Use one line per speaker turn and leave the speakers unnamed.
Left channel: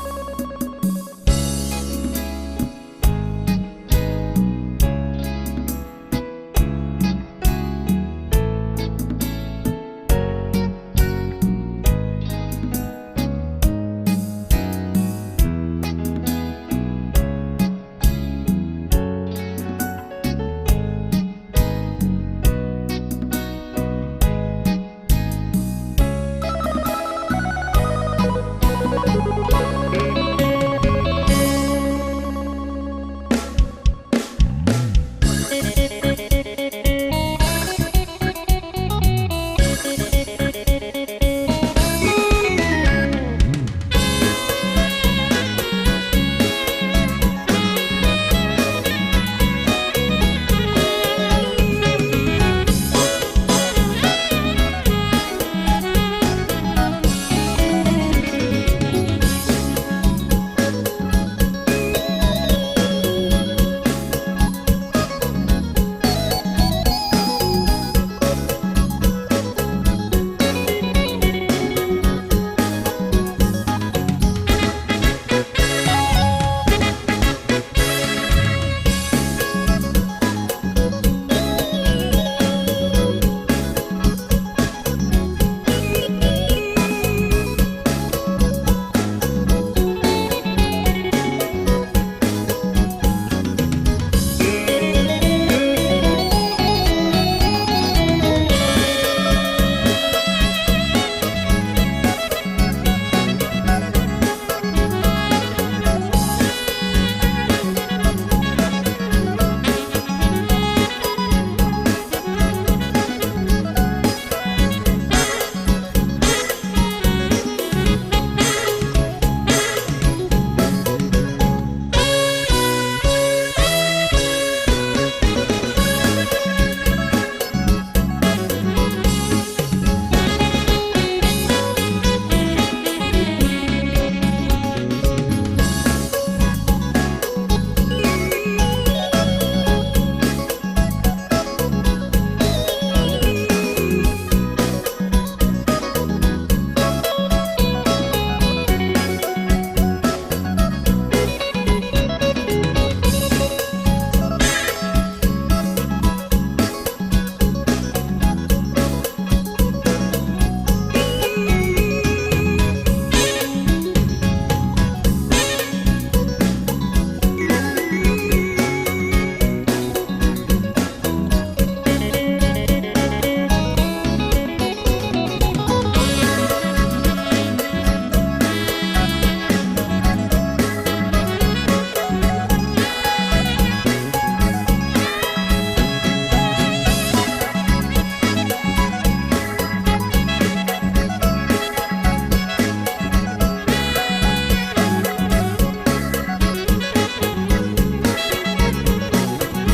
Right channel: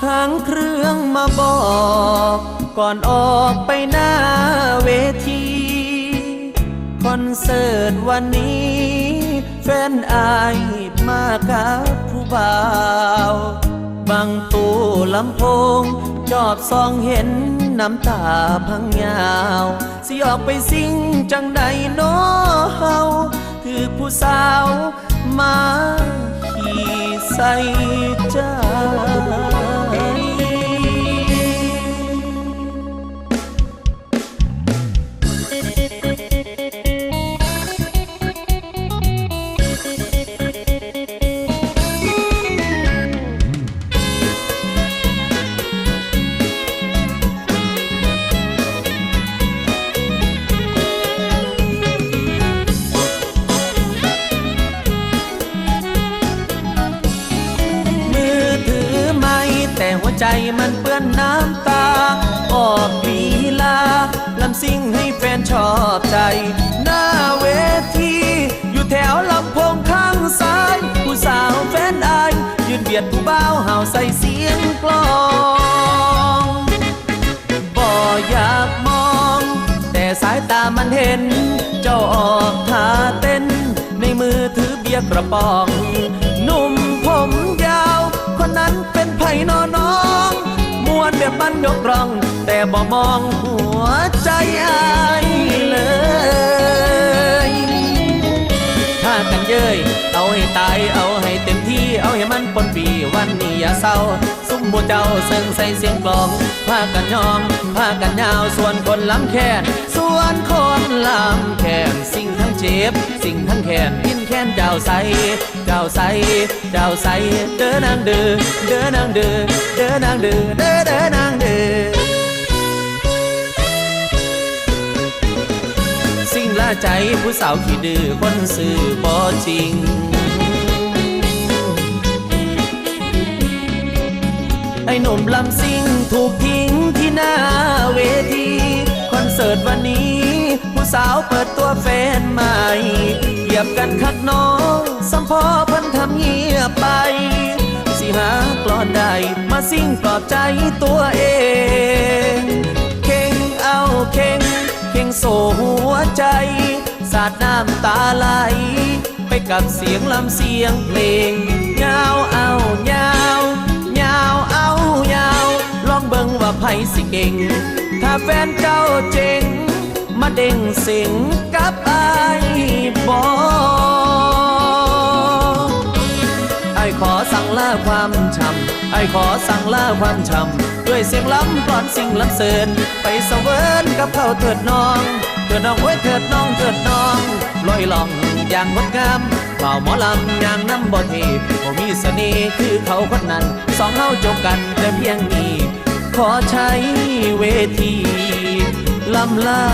ค้างเครื่องมาบอก ก่อนออกไปหน้าเวที คอนเสิร์ตวันนี้แฟนไอ มากับผู้บ่าวบางตูลำโพง จอบซองเห็นน้ำตาพังยาว สิออกไปสิ่งจังใดน้อเฮา ใจมันเปื้อนน้ำตา ออกลีลาลำซิ่งให้แฟนชอบใจ หน้าเวที อยู่แถวลำโพงข้างซ้าย ผู้สาวแฟนอาย ยืนเบียดผู้บ่าวห่าใส่เสียงกลองบ่อยากมอง แต่สายตามันเห็น เจ้าออกท่าเต้น ในมือถือเบียร์กระป๋องางแขนส่วนคนลางแขนสิ่งทั้งเจ็บ สิ่งทั้งแขนพินแขนเจ้าใสเจ้าใสเจ้าใสเดินนางเดินเดินนางเดินเดินนางเดินเดินเดินนางเดินสิ่งละใจผู้สาวขี้ดื้อคนซื่อ อบใจตัวเอง เข่งเอาเข่งเข่งโซหัวใจ สาดน้ำตาไหล ไปกับเสียงลำเสียงเพลงยาวเอายาวยาวเอายาว ลองเบิ่งว่าไผสิเก่ง ถ้าแฟนเจ้าเจ๋งมาเด้งสิง ไอ้ขอสั่งลาความช้ำด้วยเสียงล้ำก่อนสิ่งล้ำเสินไปเสวนกับเขาเถิดน้องเถิดน้องไว้ยเถิดน้องเถิดน้องลอยล่องอย่างงดงามเป่าหมอลำอย่างน้ำบ่เทบ่มีเสน่ห์คือเขาคนนั้นสองเฮาจบกันแต่เพียงนี้ขอใช้เวทีลำลา